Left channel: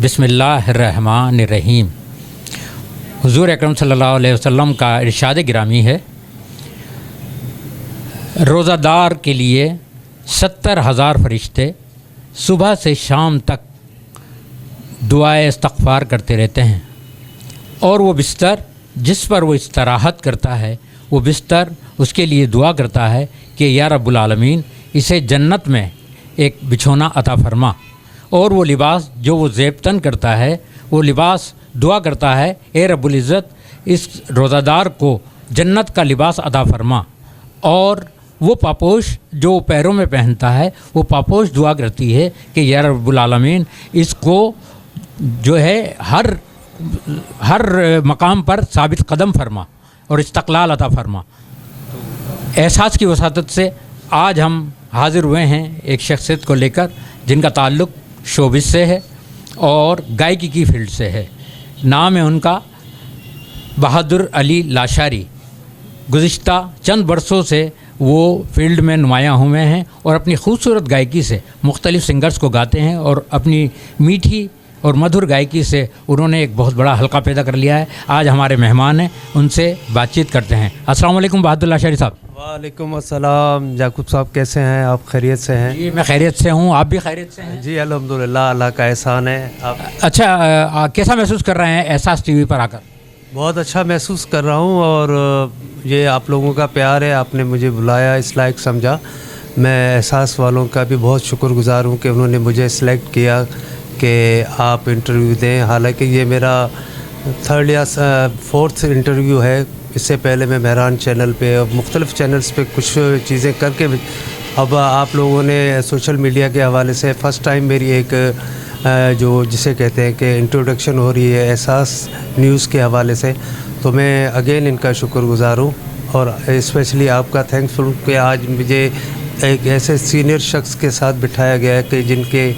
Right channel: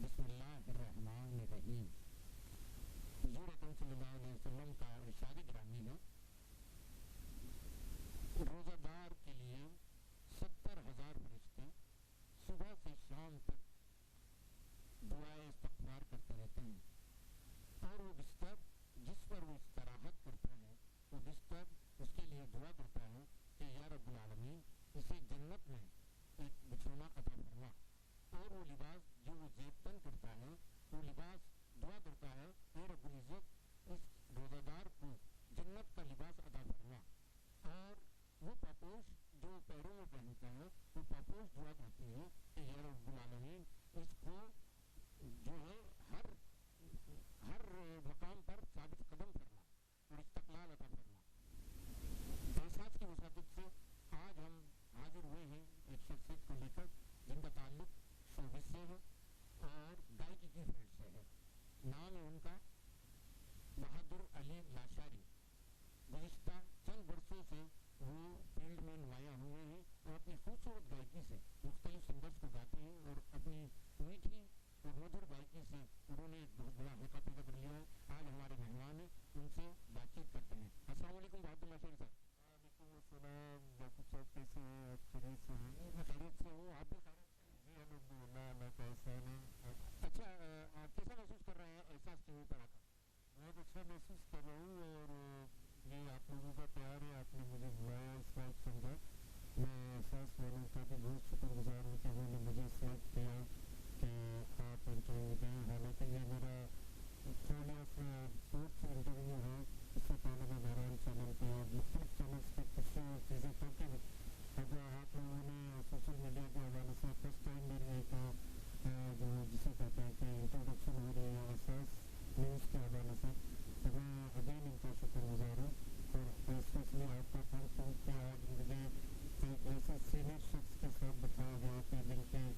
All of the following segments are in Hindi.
बिस्मिल्लाहिर्रहमानिर्रहीम। हुज़ूर अकरम सल्लल्लाहु अलैहि वसल्लम का इरशाद गिरामी है, रोज़ादार के लिए 70,000 फरिश्ते सुबह से शाम तक दुआए इस्तग़फ़ार करते रहते हैं, और वो बिस्तर जिस पर वो इस्तराहत करता है, वो बिस्तर उसके लिए दुआ करता है कि या रब्बुल आलमीन इसे जन्नत में एक बिछोना अता फरमा। और वो लिबास जो वो ज़ेबतन करता है, वो लिबास दुआ करता है, ए रब्बुल इज़्ज़त इस रोज़ादार को जन्नत का लिबास अता फरमा। और वो पापोश जो पैरों में पहनता है, वो पापोश दुआ करती है कि या रब्बुल आलमीन इसको जो है हर मकाम पर साबित कदम फरमा और इस्तक़लाल अता फरमा। एहसास की वसातत से आज हम हाज़िर हुए हैं एक शख्सियत को लेकर जिनका ताल्लुक़ शोबिस से है और गायकी की फील्ड से है। नाम है उनका बहादुर अली लाशारी। गुज़िश्ता चंद बरसों से वो फील्ड में नुमायाँ हुए हैं और अपनी खूबसूरत गायकी से मुख्तलिफ़ सिंगर्स को गाते हैं और अपनी मीठी और मधुर गायकी से उन्होंने एक बहुत बड़ा हल्का पैदा कर लिया है। आज हमारे मेहमान हैं, उनसे बातचीत करते हैं। अस्सलाम वालेकुम बहादुर लाशारी साहब। वालेकुम अस्सलाम याकूब साहब, कैसे हैं आप? खैरियत से हैं? जी मैं खैरियत से हूँ, आप भी खैरियत से हैं? जी अल्हम्दुलिल्लाह, अल्लाह का एहसान है। आप अच्छा, कैसा महसूस कर रहे हैं एहसास टीवी पर आकर? बहुत अच्छा महसूस कर रहा हूँ, और ये आप लोगों का प्यार है, आपने मुझे बुलाया, इस लायक समझा। मैं एहसास वालों का भी बहुत शुक्रगुज़ार हूँ कि उन्होंने मुझे सिलेक्ट किया कि आप इंटरव्यू दें। हालांकि ये मेरा 3rd या 4th इंटरव्यू है। इससे पहले मैं मेहरान चैनल पे और मुख्तलिफ़ चैनल्स पे कुछ चीज़ें करके अब आप लोगों ने सोशल मीडिया के हवाले से फ़र्स्ट टाइम मेरी एक जो जिसे कहते हैं कि इंट्रोडक्शन हो रही है एहसास न्यूज़ के हवाले से, तो मैं अगेन इनका शुक्रगुज़ार हूँ और स्पेशली आपका थैंकफुल कि आज मुझे एक ऐसे सीनियर शख्स के साथ बिठाया गया है कि जिनके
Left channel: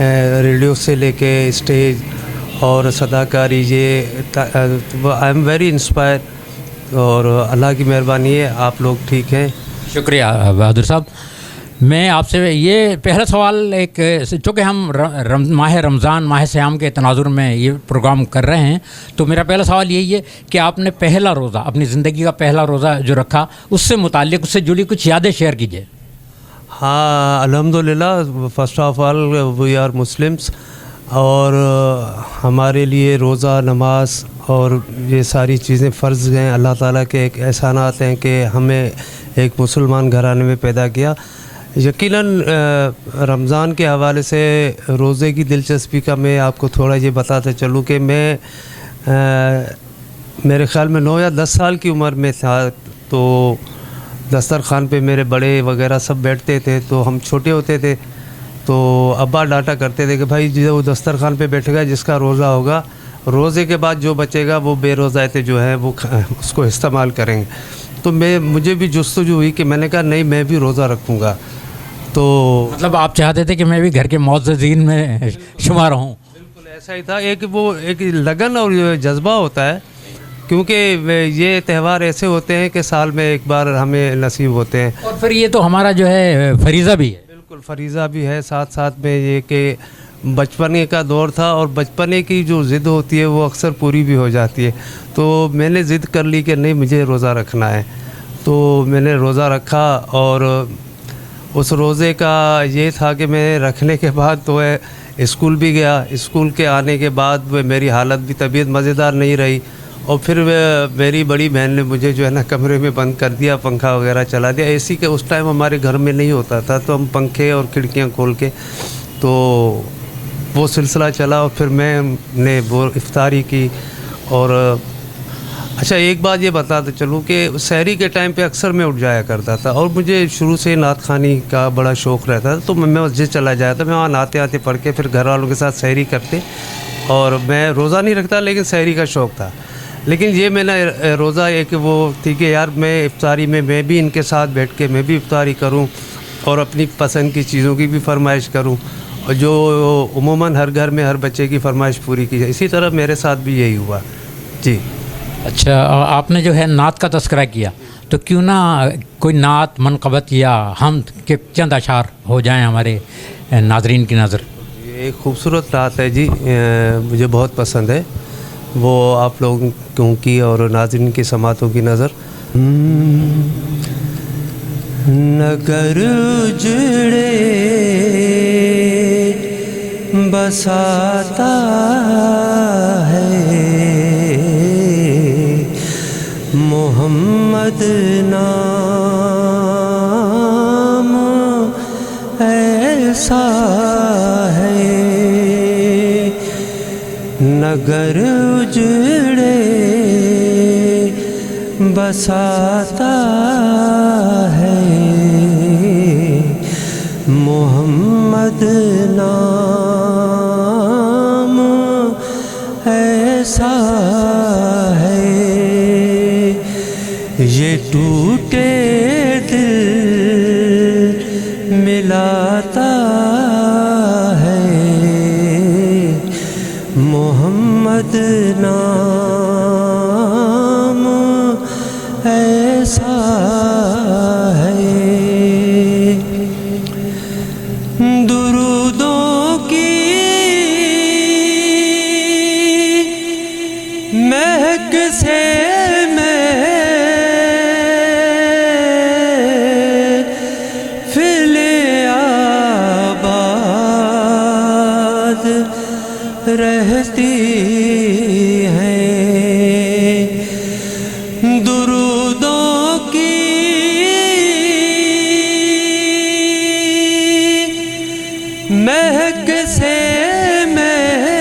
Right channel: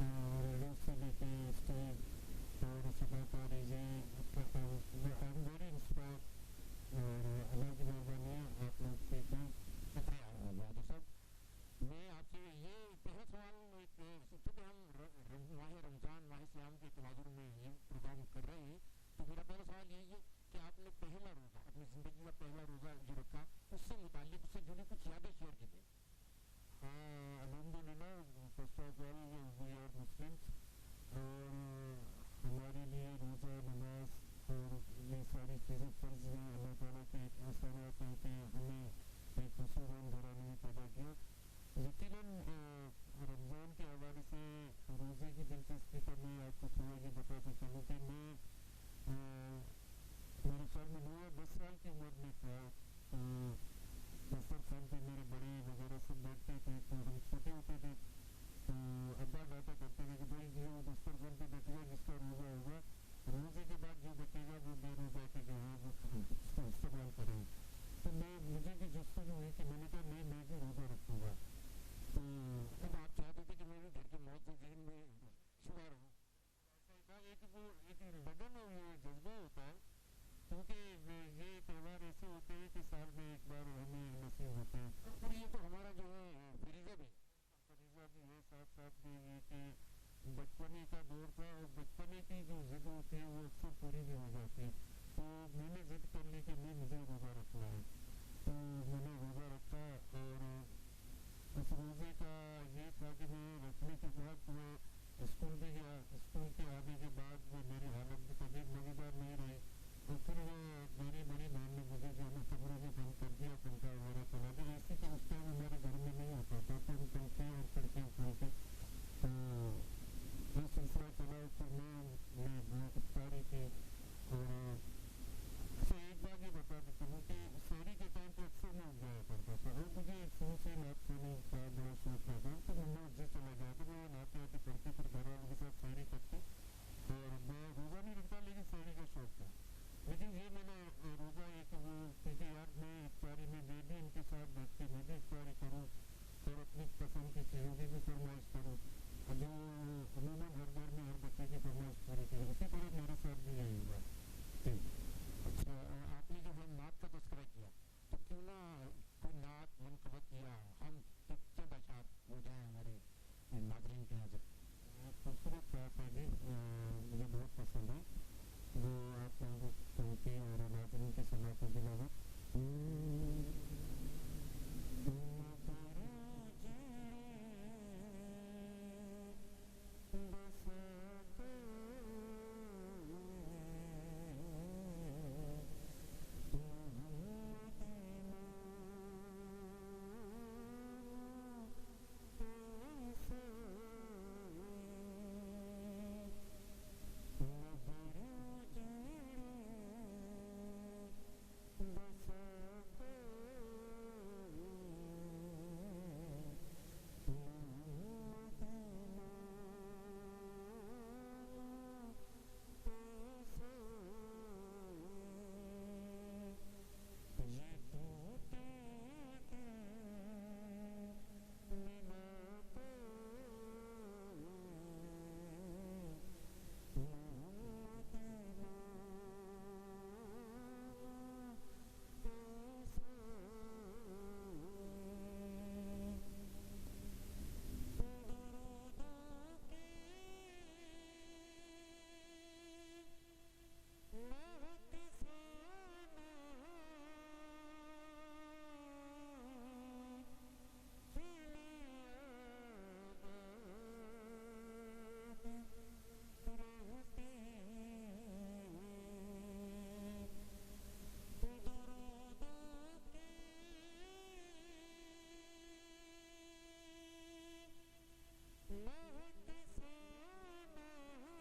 रेडियो से लेके स्टेज और सदाकारी, ये आई एम वेरी इंस्पायर, और अल्लाह की मेहरबानी है आप लोग ठीक हैं। शुक्रिया बहादुर साहब। मैं आपसे ये पहला सवाल, एक चूँकि हम माह रमज़ान, माह सियाम के तनाजुर में ये प्रोग्राम कर रहे हैं, तो मेरा पहला सवाल यही है कि आपने पहला रोज़ा, अपनी ज़िंदगी का पहला रोज़ा जो रखा, उससे मुताल्लिक़, उससे जुड़ी कुछ यादें शेयर कीजिए। हाँ अल्हम्दुलिल्लाह, first of all we are Muslims, और हमारे लिए रोज़ा, नमाज और ये सारी चीज़ें फ़र्ज़ हैं। अल्लाह ताला के एक एहसानात हैं कि हमें एक मुसलमान घराने में पैदा किया। यकीनन रमज़ान के हवाले से रोज़े की दिलचस्पी का मैं आपको थोड़ा ये बताते चलूँ कि मैं मेरे ख़्याल में 9 या 10 साल की उम्र में था, तो दस्तरखान पे मेरे बड़े वगैरह सब बैठते थे, तो हम छोटे होते थे तो अब्बा डांटा करते थे कि भाई जो दस्तरखान पे बैठेगा, जिसका रोज़ा होगा, रोज़े के बाद जो बचेगा वो बेरोज़ाते जो है वो उसको इस्तेमाल करेंगे। तो मुझे भी जुस्तजू हुई कि मैंने कहा नहीं, मैं भी रोज़ा रखूँगा। तो मतलब आप चाहते थे कि मैं भी घर के मुअज़्ज़िज़ीन में शुमार हूँ? बिल्कुल ऐसा ही था। एक लगन और जज्बा होता है, क्योंकि ये त्यौहार ऐसे होते हैं कि साल में एक बार हमें नसीब होते हैं, और फिर ये तो हमारा जो है फरीज़ा भी है। बिल्कुल फरीज़ा भी है, साथ साथ में ये कि बचपने का दौर था और बचपने की जो ज़िद होती है वो अक्सर पूरी भी हो जाती है। तो मैंने ज़िद कर ली कि नहीं, मुझे रोज़ा रखना है, तो मैंने रोज़ा रखा। और उस रोज़े का ये था कि मैं रखने के बाद तो स्कूल भी गया। स्कूल के आने के बाद मेरी हालत भी, तबीयत मज़ेदार नहीं रही, और फिर मेरी बड़ी बहन ने मुझे जो है ना कमरे में बंद कर दिया, पंखा वगैरह चला दिया। एसी के उस टाइम हमारे घर में नहीं होता था, तो हम पंखे और खिड़कियाँ खोल के, तो वो सिलसिला चला। और फिर मैंने वो इफ्तारी की। और अच्छा, एक बात ये बताते चलूँ कि सहरी के टाइम पे अक्सर मैं उठ जाया करता था, और मुझे शुरू से नात खानी का बड़ा शौक़ रहता था, तो मैं मस्जिद चला जाया था। मैं वहाँ नाते आते पढ़ के फिर घर वालों के साथ सहरी करते, और मैं रोज़ा नहीं रखता लेकिन सहरी का शौक़ था। लेकिन ये मैंने रोज़ा एक वो थी कि यार मैं इफ्तारी में मैं भी इनके साथ बैठ के मैं भी इफ्तारी करूं और अपनी पसंद की चीज़ों की भी फरमाइश करूं, और जो उमूमन हर घर में हर बच्चे की फरमाइश पूरी की जाए। इसी तरह मेरे साथ भी यही हुआ जी। अच्छा, आपने जो है नात का तस्करा किया, तो क्यों ना कोई नात, मनक़बत या हमद के चंद अशार हो जाएं हमारे नाज़रीन की नज़र? एक खूबसूरत रात है जी, मुझे बहुत पसंद है। वो आप लोगों की और नाज़रीन की समातों की नज़र। नगर उजड़े बसाता है मोहम्मद नाम ऐसा है। नगर उजड़े बसाता है मोहम्मद नाम ऐसा है। ये टूटे दिल मिलाता है मोहम्मद नाम ऐसा है। दुरूदों की महक से रहती हैं। दुरूदों की महक से महफिल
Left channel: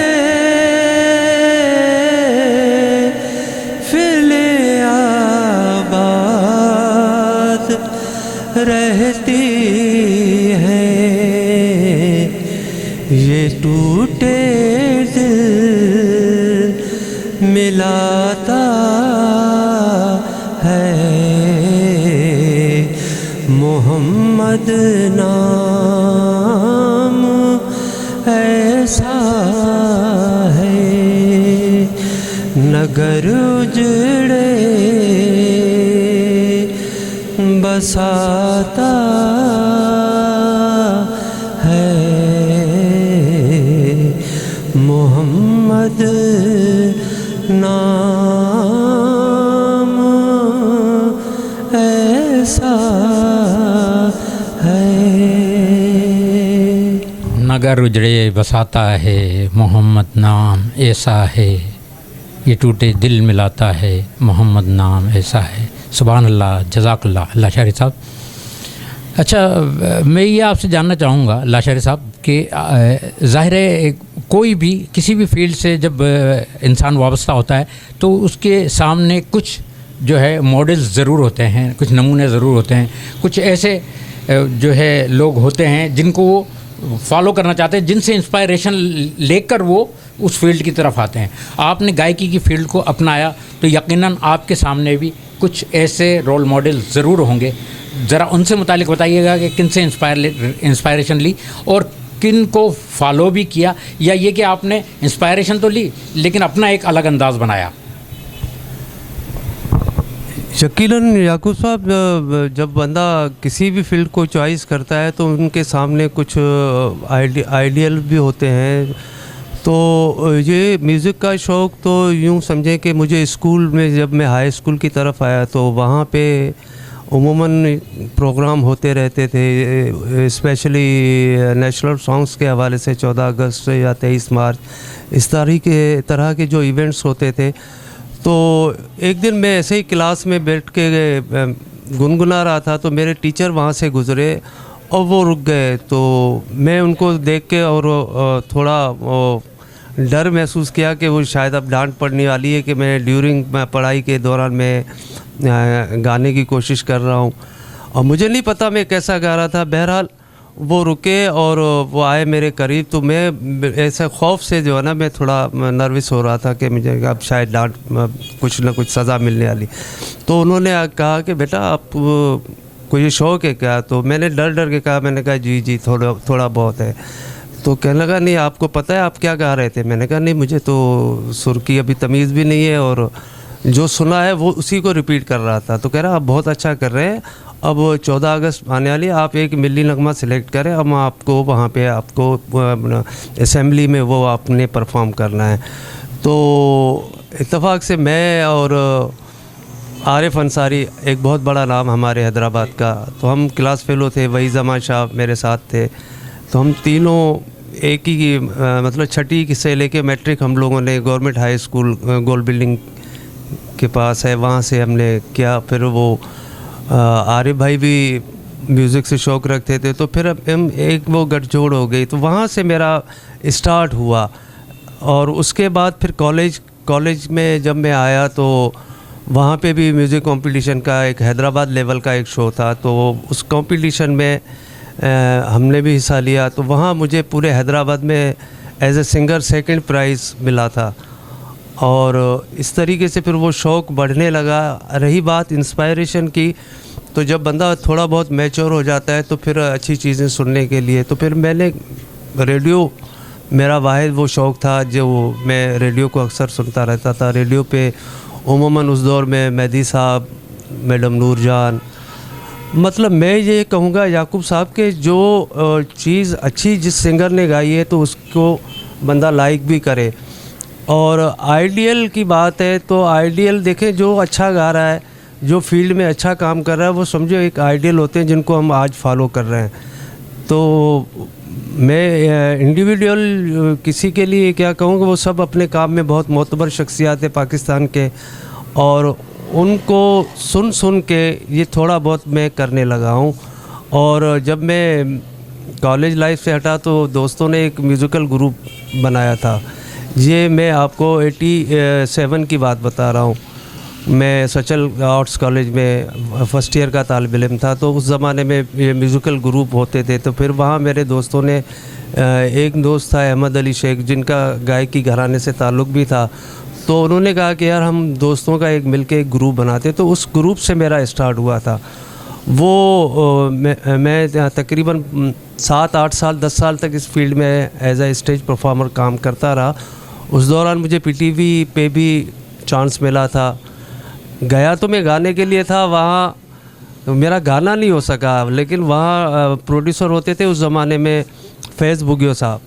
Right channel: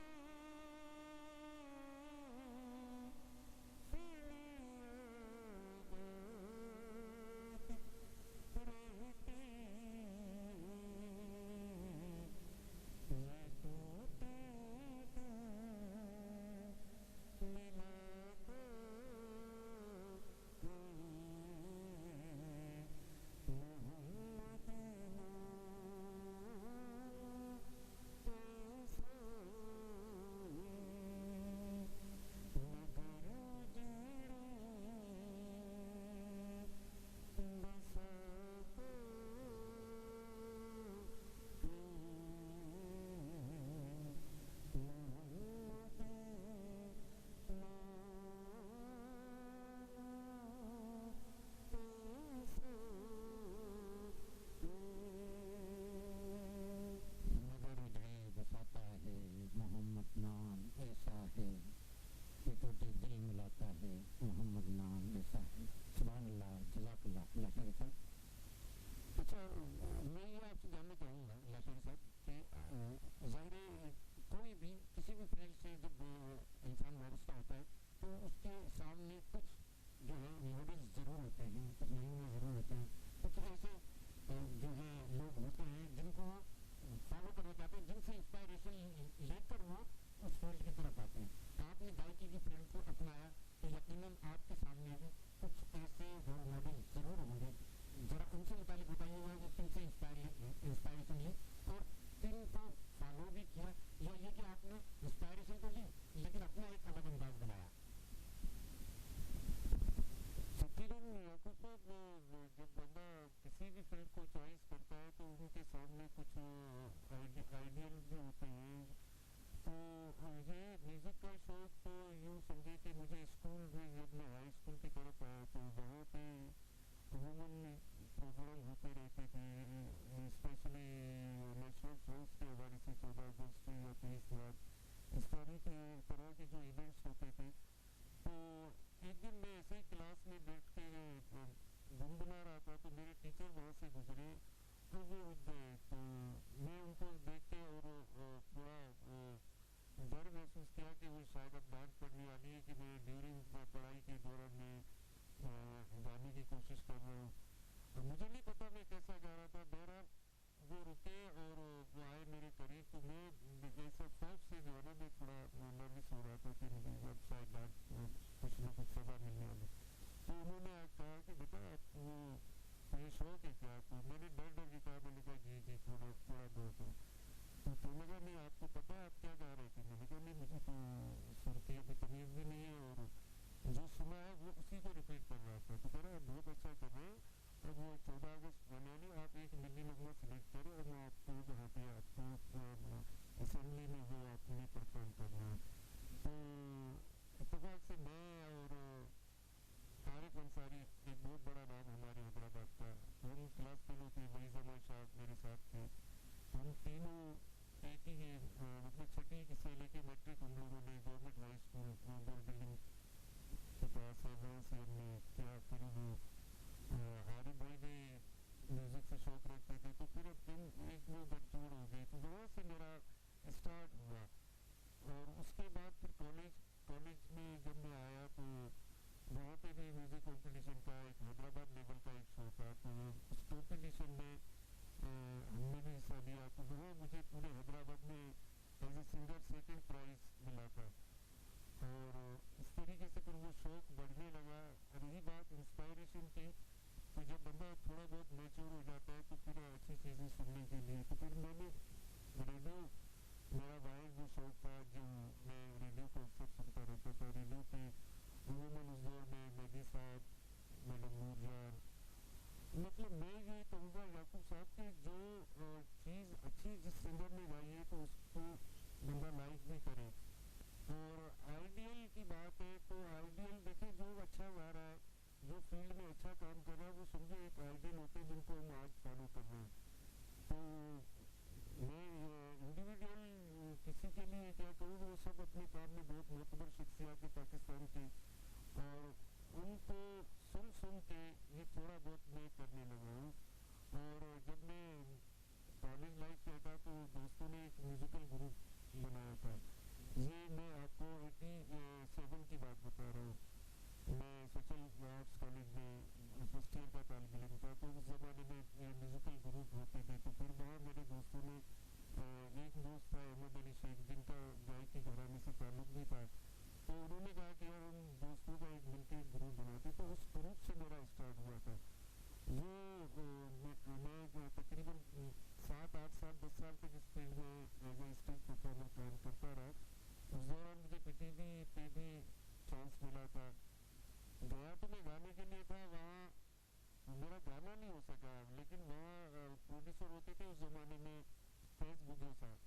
आबाद रहती हैं। ये टूटे मिलाता है मोहम्मद नाम ऐसा है। नगर उजड़े बसाता है मोहम्मद नाम ऐसा है। नगर उजड़े बसाता है मोहम्मद नाम ऐसा है। ये टूटे दिल मिलाता है मोहम्मद नाम ऐसा है। सुभान अल्लाह, जज़ाकल्लाह लाशारी साहब। अच्छा, मैं ये आपसे जानना चाहूँगा लाशारी साहब कि ज़ाहिर है कोई भी किसी भी फील्ड से जब इंसान वाबस्ता होता है तो उसके सामने कुछ जो है मॉडल्स ज़रूर होते हैं, कुछ नमूने ज़रूर होते हैं, कुछ ऐसे जो है लोग होते हैं जिनको वो फॉलो करना चाहते हैं, जिनसे इंस्पायरेशन लेकर वो उस फील्ड की तरफ आते हैं। आपने गायकी की फील्ड को अपनाया तो यकीनन आपके सामने भी कुछ ऐसे रोल मॉडल ज़रूर होंगे। ज़रा उनसे मुतालिक बताइएगा कि किन से इंस्पायरेशन ली और किन को फॉलो भी किया, या ये कि आपने इंस्पायरेशन तो ली लेकिन अपना एक अलग अंदाज़ बनाया। यकीनन याकूब साहब, जब बंदा किसी भी फील्ड को चॉइस करता है तो उनके सामने कुछ आइडियल भी होते हैं। तो ये म्यूज़िक का शौक़ तो यूँ समझें कि मुझे स्कूल में जब मैं हाई स्कूल की तरफ आया तो वहाँ पे उमूमन प्रोग्राम होते रहते थे, स्पेशली नेशनल सॉन्ग्स के हवाले से 14 अगस्त या 23 मार्च इस तरह के जो इवेंट्स होते थे। तो एक दिन मैं ऐसे ही क्लास में बैठ के गुनगुना रहा था तो मेरे टीचर वहाँ से गुज़रे और वो रुक गए। तो मैं उनको देख के और थोड़ा डर महसूस किया कि वो शायद अब डांट पड़ने वाली है कि मैं ड्यूरिंग पढ़ाई के दौरान मैं गाने की कोशिश कर रहा हूँ और मुझे नहीं पता मैं कैसा गा रहा था। बहरहाल वो रुके और वो आए मेरे करीब, तो मैं ऐसे खौफ से जो है ना मैं थोड़ा नर्वस हो रहा था कि मुझे अब शायद डांट कुछ ना कुछ सज़ा मिलने वाली। तो उन्होंने कहा कि बेटा आप को ये शौक़ है क्या? तो मैंने डर डर के कहा, मैंने कहा जी जी थोड़ा बहुत है। तो कहने लगा नहीं आपको पता है आप क्या गा रहे थे? मैंने कहा नहीं मुझे तो सुर की अभी तमीज़ भी नहीं है और जो सुना है वो उसी को रिपीट कर रहा था। तो कह रहा आप बहुत अच्छा कर रहे हैं, अब 14 अगस्त आने वाली है, आप एक मिली नगमा सिलेक्ट करें, हम आपको वहाँ पे आपको असेंबली में वो आपने परफॉर्म करना है। तो इत्तेफाक से मैं और आरिफ अंसारी, एक बहुत बड़ा नाम हमारे हैदराबाद का, तो हम क्लास फेलो थे, वही जमा शाह मेरे साथ थे। तो हम तीनों एक ही मतलब छठी से लेके मैट्रिक हम लोगों ने गवर्नमेंट हाई स्कूल गोल बिल्डिंग के पास है, वहाँ से हमने किया। फिर वो आरिफ भाई भी म्यूज़िक से शौक़ रखते थे, तो फिर हम एक वो गठजोड़ हो गई, तो वहाँ से मेरा स्टार्ट हुआ। और उसके बाद फिर कॉलेज में जब मैं आया तो वहाँ पे भी म्यूज़िक कंपटीशन का एक हैदराबाद लेवल का एक शो था, तो उस कंपटीशन में हमने भी हिस्सा लिया। तो वहाँ मुझे पूरे हैदराबाद में as a singer second prize मिला था। और इस तरीके से फिर वो शौक़ बढ़ने लगा। रही बात इंस्पायरेशन की, तो जब बंदा थोड़ा बहुत मैच्योर हो जाता है तो फिर अच्छी चीज़ें सुनने के लिए, तो फिर मैंने रेडियो, मेरा वाहिद वो शौक़ था जो मैं रेडियो को अक्सर सुनता रहता था। रेडियो पे उमूमन उस दौर में मेहदी साहब, मैडम नूरजान, मतलब मैं ये कहूँगा याकूब साहब के जो चीज़ अच्छी जिस सिंगर ने गाई है तो उसको बंदा लाइक भी करे। और आइडियल की बात है तो आइडियल देखें, जो अच्छा गा रहा है, जो फील्ड में अच्छा काम कर रहा है, वो समझो एक आइडियल होते हैं जिनको हम आज फॉलो कर रहे हैं। तो मैं इंडिविजुअल किसी के लिए क्या कहूँगा, वो सब अपने काम में बहुत मोतबर शख्सियात है पाकिस्तान के, और उनको सुन के ये थोड़ा बहुत मैं करने लगा हूँ। और जब मैं कॉलेज लाइफ से हटा तो दोस्तों ने एक म्यूज़िकल ग्रुप बनाया था। ये मैं आपको 87 की बात बता रहा हूँ। मैं सचल आर्ट्स कॉलेज में फ़र्स्ट ईयर का तालिब इल्म था, तो उस ज़माने में ये म्यूज़िकल ग्रुप होते थे। तो फिर वहाँ मेरे दोस्तों ने, एक दोस्त था अहमद अली शेख, जिनका गायकी घराने से ताल्लुक़ भी था, तो उन्होंने कहा कि यार हम दोस्तों का मिलके एक ग्रुप बनाते। तो उस ग्रुप से मेरा स्टार्ट हुआ था। वो मैं तकरीबन 7-8 साल 10 साल तक इस फील्ड में एज ए स्टेज परफॉर्मर काम करता रहा। उस दौरान मुझे पीटीवी पे भी चांस मिला था। गया तो मैं गाने के लिए था, वहाँ तो मेरा गाना नहीं हो सका, लेकिन वहाँ प्रोड्यूसर होते थे उस ज़माने में फैज़ बुगियो साहब,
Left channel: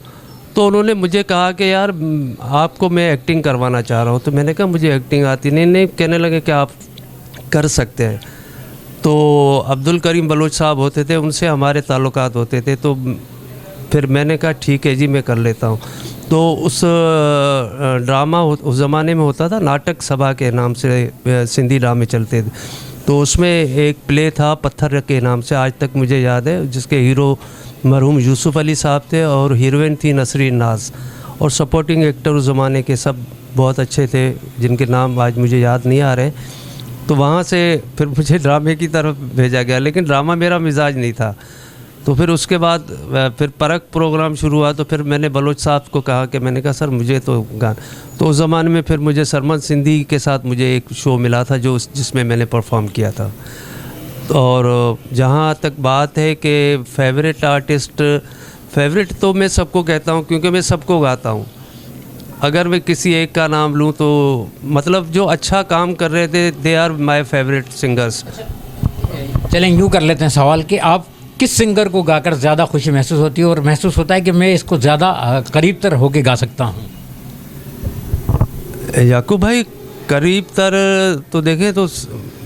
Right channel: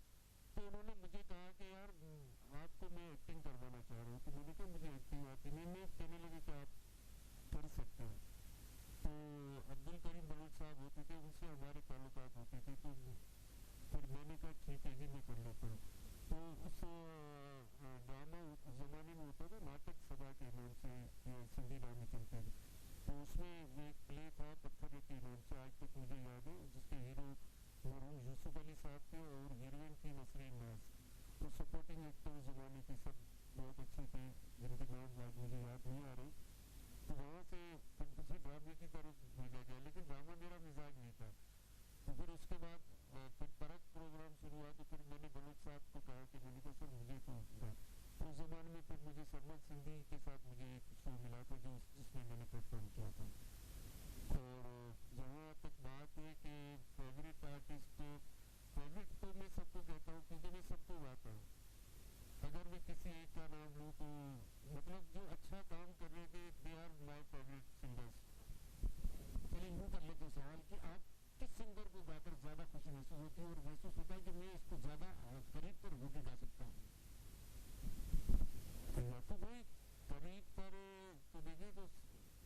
तो उन्होंने मुझे कहा कि यार आपको मैं एक्टिंग करवाना चाह रहा हूँ। तो मैंने कहा मुझे एक्टिंग आती नहीं। कहने लगे कि आप कर सकते हैं। तो अब्दुल करीम बलोच साहब होते थे, उनसे हमारे ताल्लुकात होते थे, तो फिर मैंने कहा ठीक है जी मैं कर लेता हूँ। तो उस ड्रामा उस ज़माने में होता था, नाटक सभा के नाम से सिंधी ड्रामे चलते थे, तो उसमें एक प्ले था पत्थर के नाम से, आज तक मुझे याद है, जिसके हीरो मरहूम यूसुफ अली साहब थे और हीरोइन थी नसरीन नाज, और सपोर्टिंग एक्टर उस ज़माने के सब बहुत अच्छे थे जिनके नाम आज मुझे याद नहीं आ रहे। तो वहाँ से फिर मुझे ड्रामे की तरफ भेजा गया, लेकिन ड्रामा मेरा मिजाज नहीं था। तो फिर उसके बाद फिर परख प्रोग्राम शुरू हुआ, तो फिर मैंने बलोच साहब को कहा कि मैंने कहा सर मुझे तो गाना, तो उस ज़माने में फिर मुझे सरमद सिंधी के साथ मुझे एक शो मिला था जिसमें मैंने परफॉर्म किया था। और जहाँ तक बात है कि फेवरेट आर्टिस्ट, फेवरेट तो मैं सबको कहता हूँ क्योंकि मैं सबको गाता हूँ। अगर मैं किसी एक का नाम लूँ तो मतलब जो अच्छा काम कर रहे थे, they are my favourite singers. चलें यूँ कर लेते हैं सवाल कि आप किस सिंगर को गाकर ज़्यादा खुशी महसूस होती है और महसूस होता है कि मैं इसको ज़्यादा करीब तर होके गा सकता हूँ? याकूब भाई करीब तर तो देखें तो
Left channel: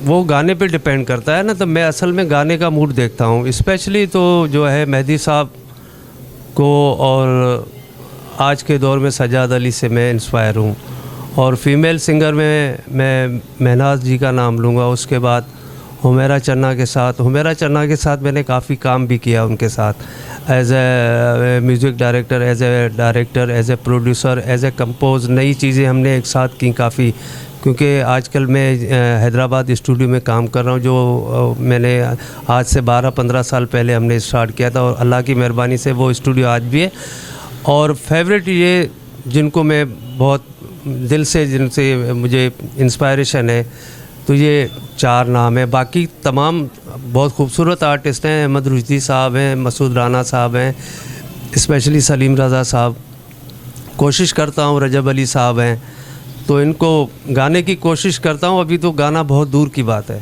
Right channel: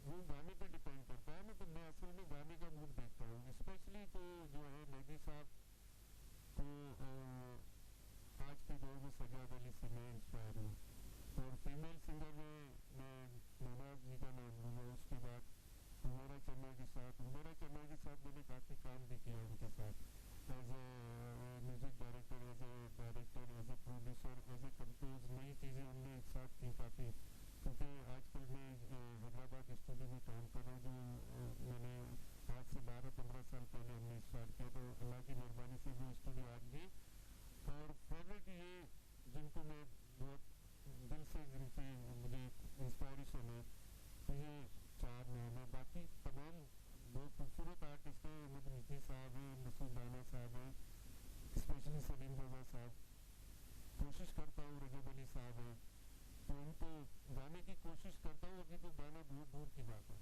वो गाने पे डिपेंड करता है ना, तो मैं असल में गाने का मूड देखता हूँ। स्पेशली तो जो है मेहदी साहब को, और आज के दौर में सजाद अली से मैं इंस्पायर हूँ। और फीमेल सिंगर में मैं महनाज जी का नाम लूँगा। उसके बाद हुमैरा चन्ना के साथ मैंने काफ़ी काम भी किया उनके साथ, as a music director, as a producer, as a compose. नई चीज़ें हमने एक साथ की काफ़ी, क्योंकि आजकल मैं हैदराबाद स्टूडियो में काम कर रहा हूँ, जो मैंने आज से 12-15 साल पहले हमने स्टार्ट किया था, और अल्लाह की मेहरबानी से वो स्टूडियो आज भी है। और फेवरेट ये जिनको मैं बहुत दिल से, जिनसे मुझे इंस्पायरेशन है, तो ये 4 नाम है। बाकी तमाम बहुत खूबसूरत आर्टिस्ट हैं। अहमद रुश्दी साहब हैं, मसूद राना साहब हैं, स्पेशली सलीम रज़ा साहब, कोशिश करता हूँ रजब अली साहब हैं। तो इनको गाने की कोशिश करता हूँ। अभी तो गाना बहुत दूर की बात है।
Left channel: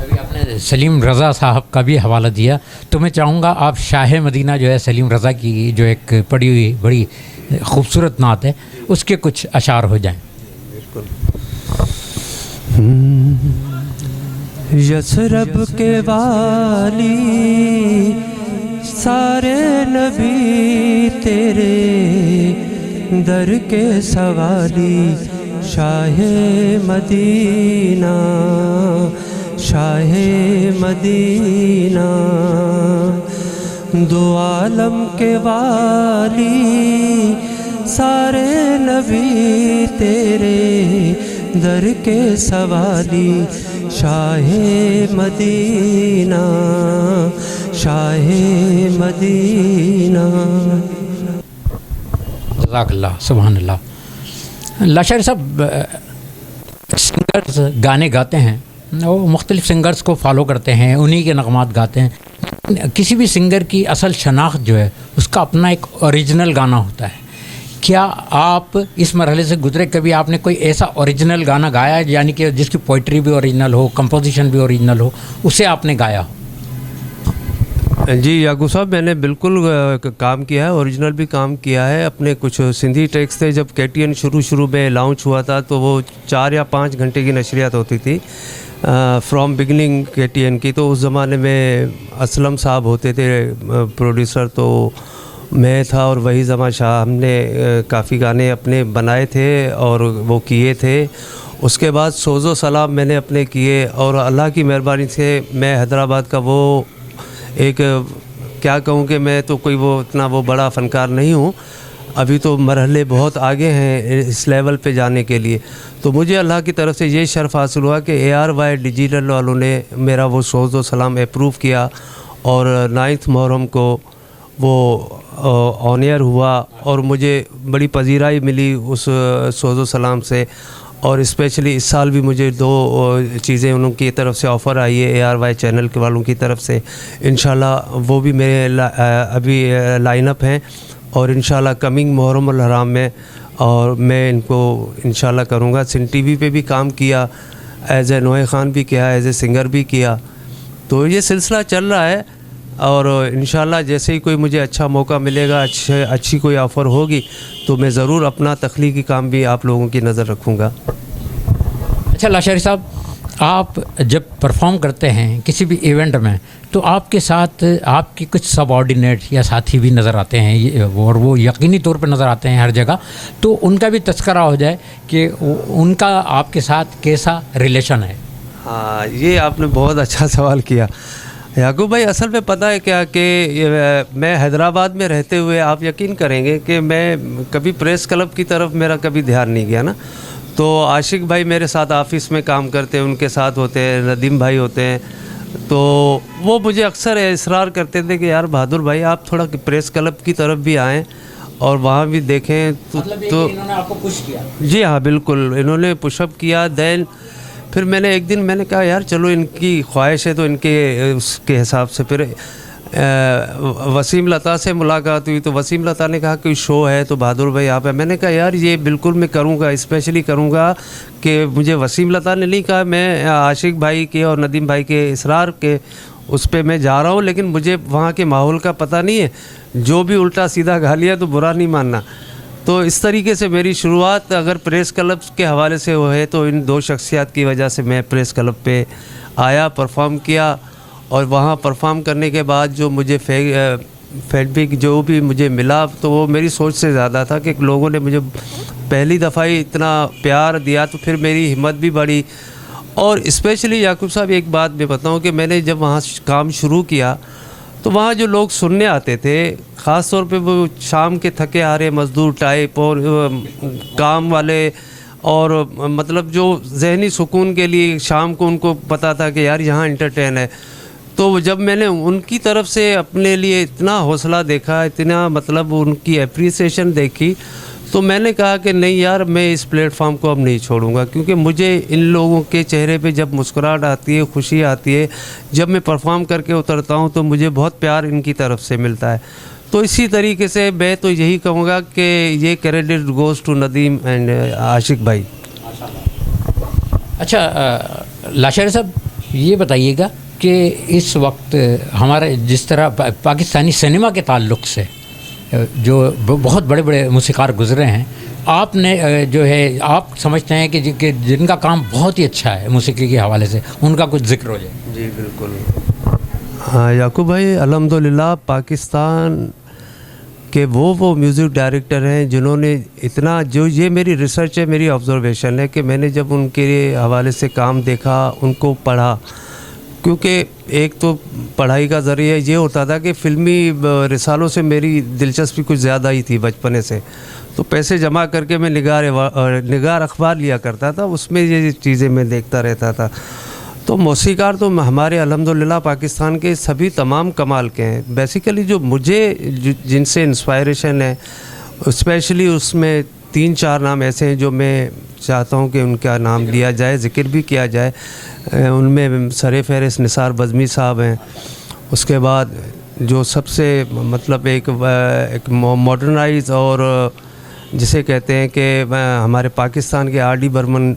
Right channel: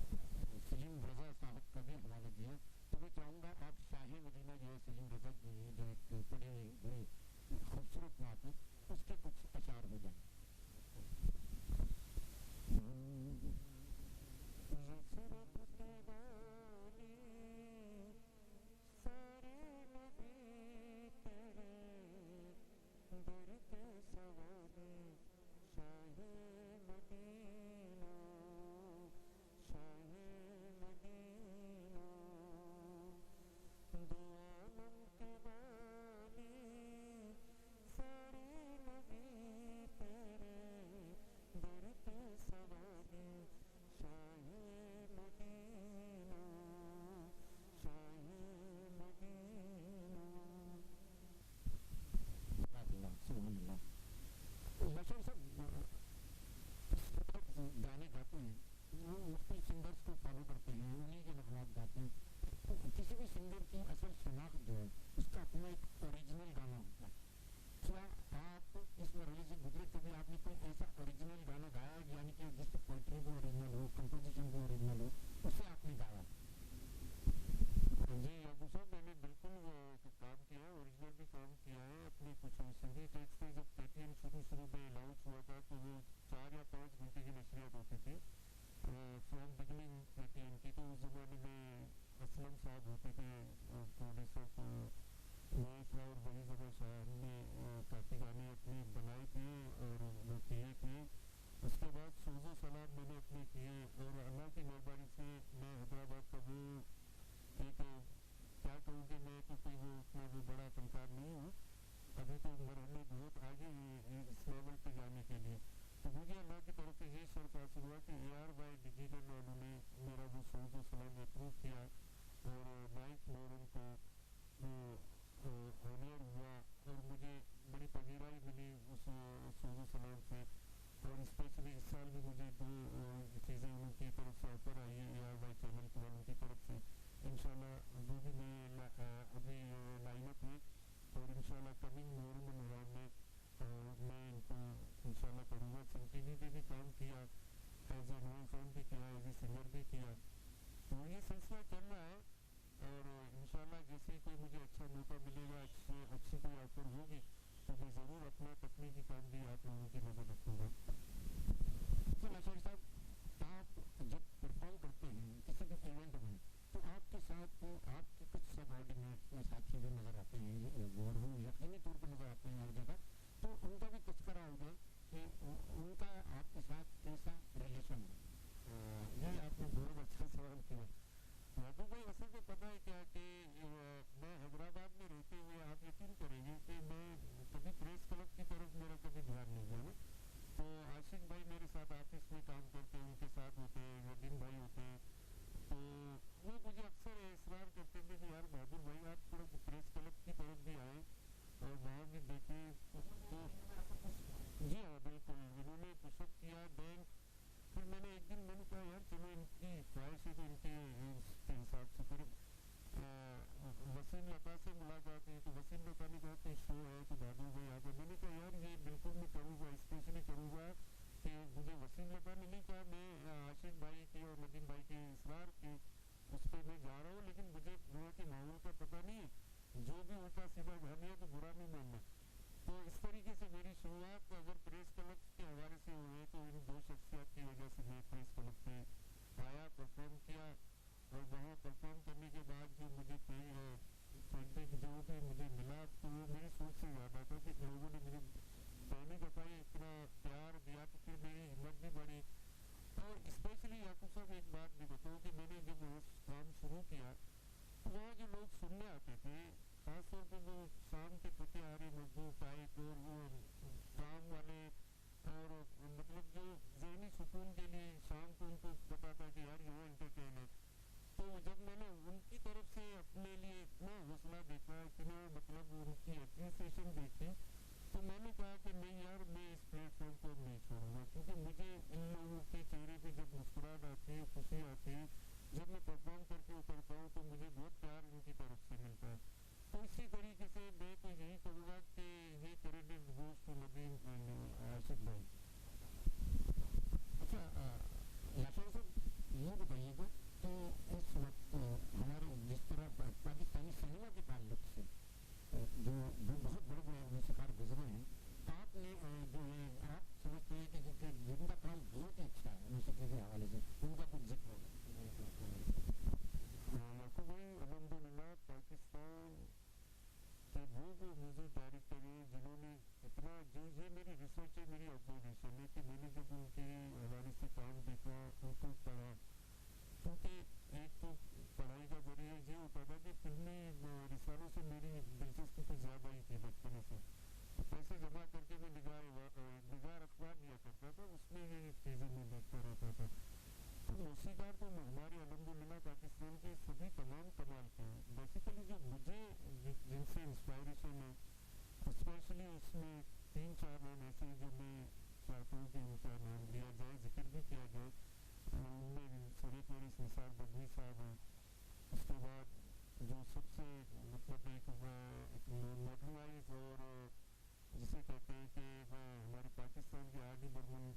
अभी आपने सलीम रज़ा साहब का भी हवाला दिया, तो मैं चाहूँगा आप शाह मदीना जो है सलीम रज़ा की जो एक पड़ी हुई बड़ी खूबसूरत नात है, उसके कुछ अशार हो जाएं। यसरब के वाली सारे नबी तेरे दर के सवाली, शाहे मदीना शाहे मदीना, दो आलम के वाली सारे नबी तेरे दर के सवाली, शाहे मदीना शाहे मदीना। जज़ाकल्लाह, सुभान अल्लाह। लाशारी साहब, सिंगर्स गाने गाते हैं, वो मुख्तलिफ़ सिंगर्स को फॉलो करते हैं, उन्हीं के नगमात गाते हैं। किसी भी सिंगर की असल शनाख्त जो है उसका अपना एक ओरिजिनल गाना होता है। क्या आप इस मरहले से गुजरे, कभी आपने कोई ऐसा ओरिजिनल गाना गाया है, यानी कि जिसकी पोइट्री भी ओरिजिनल हो, कंपोजिशन भी ओरिजिनल हो, उसे आपने गाया हो? जी याकूब साहब, मैंने बिल्कुल काम किया है, ओरिजिनल भी काम किया है। अपने कुछ सिंधी टेक्स्ट थे, जब KTN शुरू में लॉन्च हुआ था तो वो 4 या 5 घंटे की नशरियात होती थी फ्रॉम बिगनिंग KTN की। तो उस ज़माने में असलम साहब होते थे प्रोड्यूसर, तो मैं था और वही ज़मा शाह। हमने काफ़ी गाने अपने बनाए थे और वो किए थे। उसके बाद सोज़ो सलाम मैंने अपने किए, और अल्लाह की मेहरबानी से मैं हैदराबाद का वो एक, क्या कहूँ कि मैं तो कोई वो इतना वो बड़ा फ़नकार नहीं हूँ, अभी तो मरहले बहुत आगे हैं इस लेवल पे जाने के लिए। तो मुझे अल्लाह की तरफ से ये शर्फ़ हासिल हुआ कि ARY डिजिटल वालों ने मेरा वो सोज़ो सलाम अप्रूव किया, और 9 मुहर्रम को वो ऑन एयर हुआ, और मुझे बड़ी पजीराई मिली उस सोज़ो सलाम से। और स्पेशली इस साल भी मुझे 2 चीज़ें उनकी तरफ से ऑफ़र आई है ARY चैनल के वालों की तरफ से। इंशाल्लाह वो भी मेरे अभी लाइनअप हैं, और इंशाल्लाह कमिंग मुहर्रम उल हराम में, और मैं इनको इंशाल्लाह करूँगा। सिन TV पे भी काम किया, एज़ ए नोए ख़ान भी किया, एज़ ए सिंगर भी किया। तो ये सिलसिला चल रहा है, और इंशाल्लाह जैसे ही कोई मुझे अच्छा मौका मिलेगा, अच्छी कोई ऑफ़र होगी, तो मैं ज़रूर अपना तख्लीकी काम भी आप लोगों की नज़र रखूँगा। अच्छा लाशारी साहब, आप जब परफॉर्म करते हैं किसी भी इवेंट में, तो आपके साथ आपके कुछ सबऑर्डिनेट या साथी भी नज़र आते हैं, और वो यकीनी तौर पर नज़र आते हैं हर जगह, तो उनका भी तज़किरा हो जाए कि उनका आपके साथ कैसा रिलेशन है? हाँ, ये आपने बहुत अच्छा सवाल किया याकूब भाई। असल में पता है क्या कि मैं हैदराबाद में रहते हुए आप यकीन करेंगे कि मैं कभी प्रेस क्लब की तरफ मेरा कभी ध्यान नहीं गया ना। तो आशिक भाई मेरे साथ ऑफिस में काम करते हैं, उनके साथ होते हैं, नदीम भाई होते हैं, तो वो मुझे अक्सर इसरार करते थे कि यार बहादुर भाई आप थोड़ा प्रेस क्लब की तरफ भी आएँ और वहाँ भी देखें। तो इन्होंने आपको पुश किया? जी हाँ, बिल्कुल, इन्होंने पुशअप किया। दैन फिर मैंने एक दिन मैंने कहा यार चलो इनकी ख्वाहिश है तो इनके उसके हिसाब से फिर वसीम लता से मुलाकात हुई। तो वसीम लता ने कहा कि शो है तो बहादुर भाई आप है। मैंने कहा यार ये बिल्कुल मैं करूँगा, स्पेशली करूँगा। कि मुझे वसीम लता ने नहीं कहा, मैं आशिक भाई के और नदीम भाई के इसरार के उस पर मैं जा रहा हूँ, लेकिन मुझे वहाँ के माहौल का पता नहीं है, जो भी उल्टा सीधा गा लिया तो बुरा नहीं मानना। तो इस तरीके से मेरी शुरुआत अगर प्रेस क्लब के हवाले से हो है तो इन 2 शख्सियत की वजह से मैं प्रेस क्लब पे आया, परफॉर्म किया, और वहाँ परफॉर्म करने के बाद जो मुझे फीडबैक जो भी मुझे मिला तो वो मेरी सोच से ज़्यादा था कि लोगों ने मुझे पहली दफ़ा ही इतना प्यार दिया, तो फिर मेरी हिम्मत भी बढ़ी। और स्पेशली याकूब साहब एक बात मैं बताऊँ कि मैंने जब वहाँ काम शुरू किया तो वहाँ जो लोग सुनने आते थे, ख़ास तौर पे वो शाम के थके हारे मज़दूर टाइप और काम वाले, और मतलब जो जहनी सुकून के लिए शाम को उनको पता था कि यार यहाँ एंटरटेन है। तो जब मैंने उनकी तरफ से अपने लिए इतना हौसला देखा, इतना मतलब उनकी एप्रिसिएशन देखी, तो मैंने कहा कि नहीं यार मैं इस प्लेटफॉर्म को अब नहीं छोड़ूंगा, क्योंकि मुझे इन लोगों के चेहरे पे जब मुस्कुराहट आती है, खुशी आती है, जब मैं परफॉर्म करके उतरता हूँ तो मुझे बहुत प्यार इनकी तरफ से मिलता है। तो इसी तरीके से मैं तो यही कहूँगा कि ये credit goes to Nadeem and Aashiq bhai. अच्छा लाशारी साहब, ये बताइएगा कि इस वक्त हमारे जिस तरह पाकिस्तानी सिनेमा के ताल्लुक़ से जो बहुत बड़े बड़े मूसीकार गुज़रे हैं, आपने जो है आप समझते हैं कि जिनका काम बहुत ही अच्छा है मौसीकी के हवाले से, उनका कुछ जिक्र हो जाए? जी बिल्कुल। हाँ याकूब भाई, अल्हम्दुलिल्लाह पाकिस्तान के वो म्यूज़िक डायरेक्टर हैं जिन्होंने इतना, जो ये मेरी रिसर्च है, मेरी ऑब्जर्वेशन है कि मैंने जब उनके हवाले से काम देखा, उनको पढ़ा, क्योंकि एक तो पढ़ाई का ज़रिया ये होता था कि फ़िल्मी रिसालों से मेरी दिलचस्पी कुछ ज़्यादा ही थी बचपने से, तो पैसे जमा करके मैं निगार अखबार लिया करता था, उसमें ये चीज़ें मैं देखता रहता था। तो मौसीकार तो हमारे अल्हम्दुलिल्लाह पाकिस्तान के सभी तमाम कमाल के हैं। बेसिकली जो मुझे जिनसे इंस्पायरेशन है, स्पेशली उसमें 3-4 नाम ऐसे हैं जो मैं चाहता हूं कि उनका नाम लिया जाए, ज़िक्र भी किया जाए। उनमें सरे फहरिस्त निसार बज़मी साहब हैं। उसके बाद जो सबसे मतलब एक मॉडर्नाइज और जिसे कहते हैं कि हमारे पाकिस्तान के आर डी बर्मन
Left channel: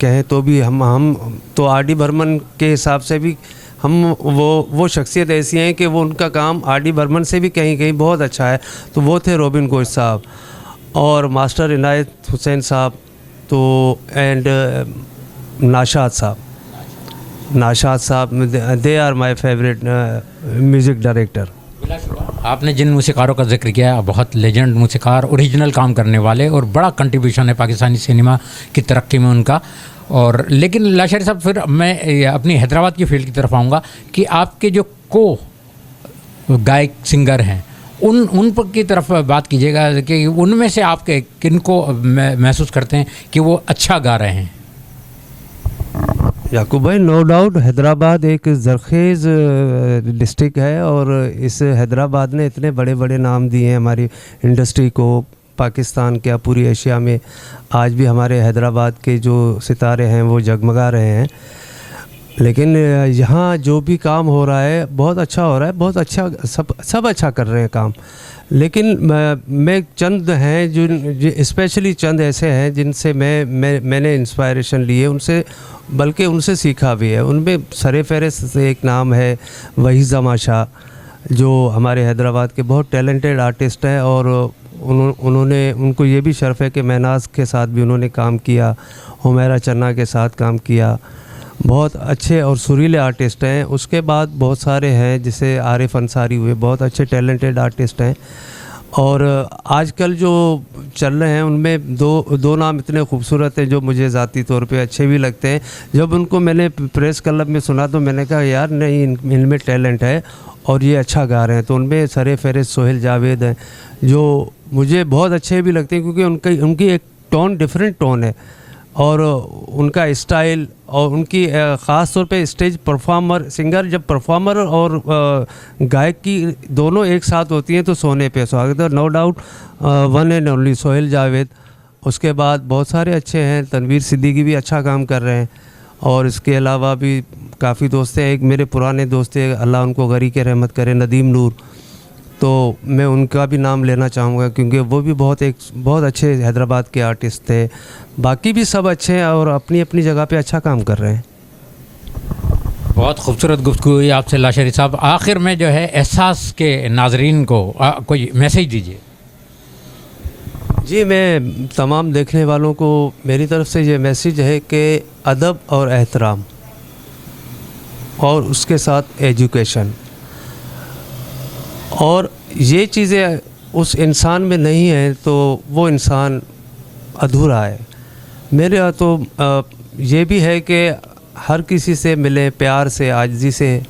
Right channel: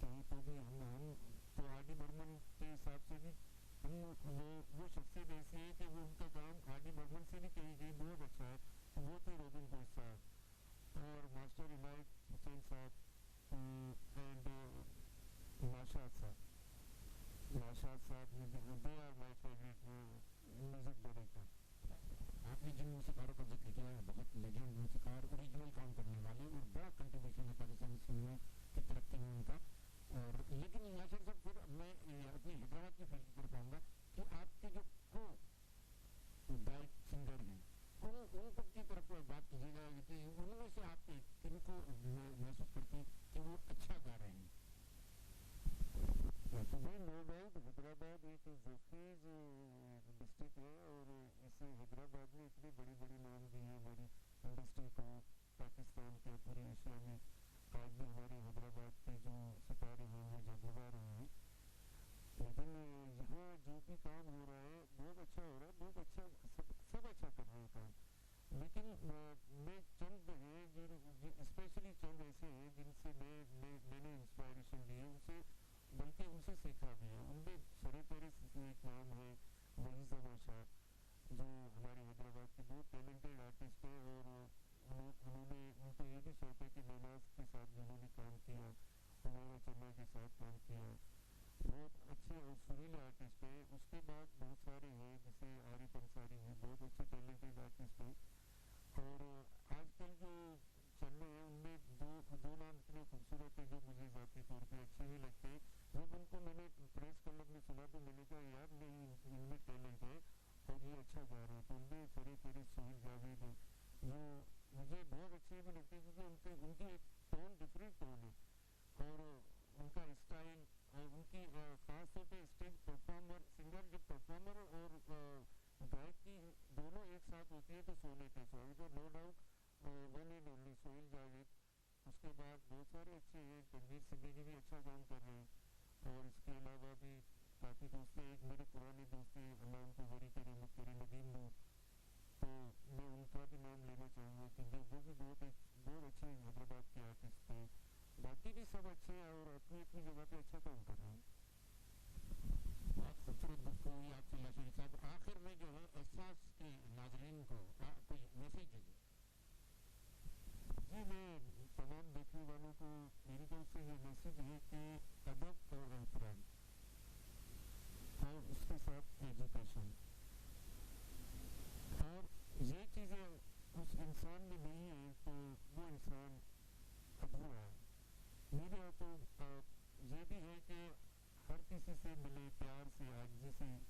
कहें तो भी हम तो आर डी बर्मन के हिसाब से भी हम वो शख्सियत ऐसी हैं कि वो उनका काम आर डी बर्मन से भी कहीं कहीं बहुत अच्छा है। तो वो थे रॉबिन गोश साहब और मास्टर इनायत हुसैन साहब, तो and Nashad sahab, they are my favourite music director. आपने जिन मूसीकारों का जिक्र किया, बहुत लेजेंड मूसीकार, ओरिजिनल काम करने वाले, और बड़ा कंट्रीब्यूशन है पाकिस्तानी सिनेमा की तरक्की में उनका। और लेकिन लाशारी साहब, फिर मैं अपनी हैदराबाद की फील्ड की तरफ आऊँगा कि आपके जो गायक सिंगर हैं उन पर की तरफ बात कीजिएगा कि उनमें से आप किन को महसूस करते हैं कि वो अच्छा गा रहे हैं? याकूब भाई, नो डाउट हैदराबाद एक ज़रखेज़ डिस्ट्रिक्ट है और इस हैदराबाद ने इतने बड़े बड़े नाम दिए हैं हमारी इंडस्ट्री को, पाकिस्तान क्या पूरी एशिया में। आज भी हमारे हैदराबाद के जो सितारे हैं वो जगमगा रहे हैं। लेकिन यहाँ जो भी काम हो रहा है बहुत अच्छा हो रहा है, बहुत अच्छा, सब अच्छा कर रहे हैं काम। लेकिन मैं चंद हैं जो स्पेशली चंद ऐसे हैं जिनसे मैंने इंस्पायरेशन ली है, उनसे बल्कि उनसे सीखा भी है। उनमें सरे फहरिस्त से एक नाम है वही जमाशा, जो हमारे हैदराबाद के बहुत टैलेंटेड आर्टिस्ट हैं और उनको ये भी शर्फ है कि महनाज के साथ भी उन्होंने काम किया, हुमैरा चन्ना के साथ काम किया। बहुत अच्छे और सुरीले आर्टिस्ट हैं। उसके बाद बहुत सारे हैं जैसे आरिफ अंसारी हुए, बहुत अच्छे टैलेंटेड आर्टिस्ट हैं। और आजकल जो चल रहे हैं उनमें दो नाम इतने खूबसूरत हैं जो मुझे ज़ाती तौर पे अच्छे भी लगते हैं। जब उनको मैंने प्रेस क्लब में सुना तो मैंने कहा यार नहीं, इनमें टैलेंट है और ये अच्छा गा रहे हैं। तो उनमें सरे फहरिस्त सोहेल जावेद हैं जो मुझे बहुत अच्छे भी लगते हैं, क्योंकि उनकी एक टोन, डिफरेंट टोन है और उनका स्टाइल और उनकी ख़ास तौर पे स्टेज परफॉर्मर, सिंगर जब परफॉर्मर और गायक की दोनों एक साथ होती हैं तो सोने पे सुहागा। No doubt one and only Sohail Javed. उसके बाद बहुत सारे अच्छे हैं, तनवीर सिद्दीकी भी अच्छा काम कर रहे हैं और इसके अलावा भी काफ़ी दोस्त हैं। एक मेरे पुराने दोस्त हैं, अल्लाह उनको गरी के रहमत करे, नदीम नूर, तो मैं उनका भी नाम लेना चाहूँगा क्योंकि वो भी बहुत अच्छे हैदराबाद के आर्टिस्ट थे। बाकी भी सब अच्छे हैं और अपनी अपनी जगह पे अच्छा काम कर रहे हैं। बहुत खूबसूरत गुफ्तगू हुई आपसे लाशारी साहब। आखिर में जो है एहसास के नाजरीन को कोई मैसेज दीजिए। जी, मैं तमाम देखने वालों को मेरी तरफ से ये मैसेज है कि अदब और एहतराम और उसके साथ एजुकेशन, और ये चीज़ें उस इंसान में नहीं है तो वो इंसान अधूरा है। मेरे यहाँ तो ये भी है कि हर किसी से मिलें प्यार से, आजिज़ी से,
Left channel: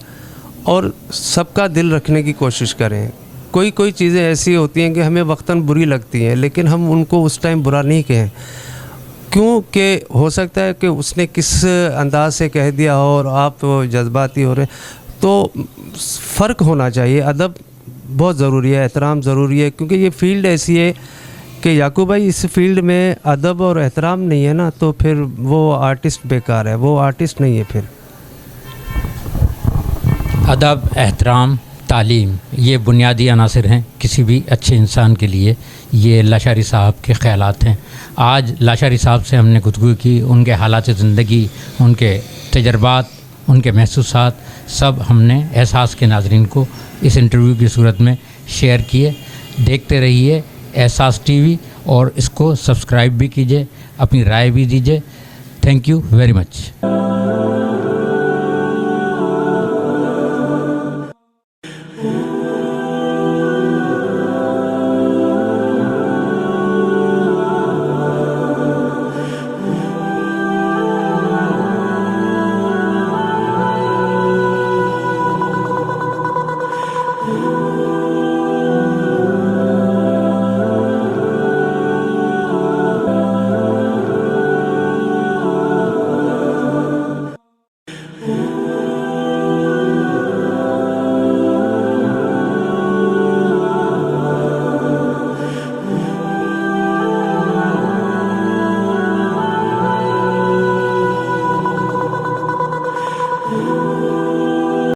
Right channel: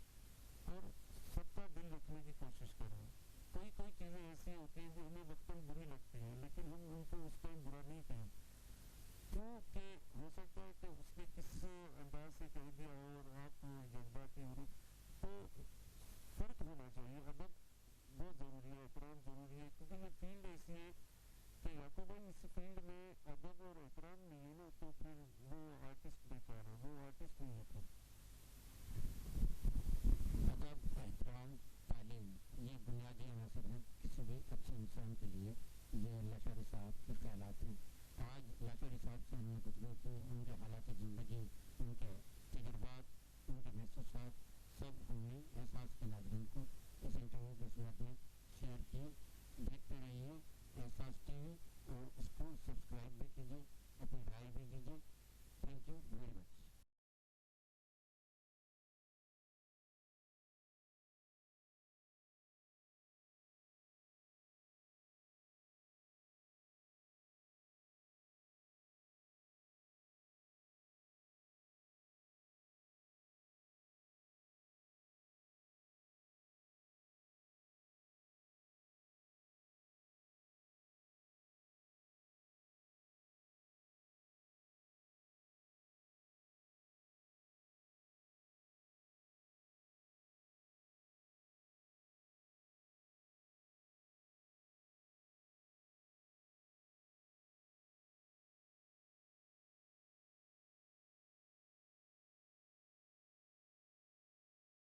और सबका दिल रखने की कोशिश करें। कोई चीज़ें ऐसी होती हैं कि हमें वक्तन बुरी लगती हैं लेकिन हम उनको उस टाइम बुरा नहीं कहें, क्योंकि हो सकता है कि उसने किस अंदाज से कह दिया हो और आप जज्बाती हो रहे। तो फ़र्क होना चाहिए। अदब बहुत ज़रूरी है, एहतराम ज़रूरी है, क्योंकि ये फील्ड ऐसी है कि याकूब भाई इस फील्ड में अदब और एहतराम नहीं है ना तो फिर वो आर्टिस्ट बेकार है, वो आर्टिस्ट नहीं है। फिर अदब, एहतराम तालीम, ये बुनियादी अनासर हैं किसी भी अच्छे इंसान के लिए। ये लाशारी साहब के ख़यालात हैं। आज लाशारी साहब से हमने गुफ्तगू की, उनके हालात ज़िंदगी, उनके तजर्बात, उनके महसूसात सब हमने एहसास के नाज़रीन को इस इंटरव्यू की सूरत में शेयर किए। देखते रहिए एहसास टीवी और इसको सब्सक्राइब भी कीजिए, अपनी राय भी दीजिए। Thank you very much.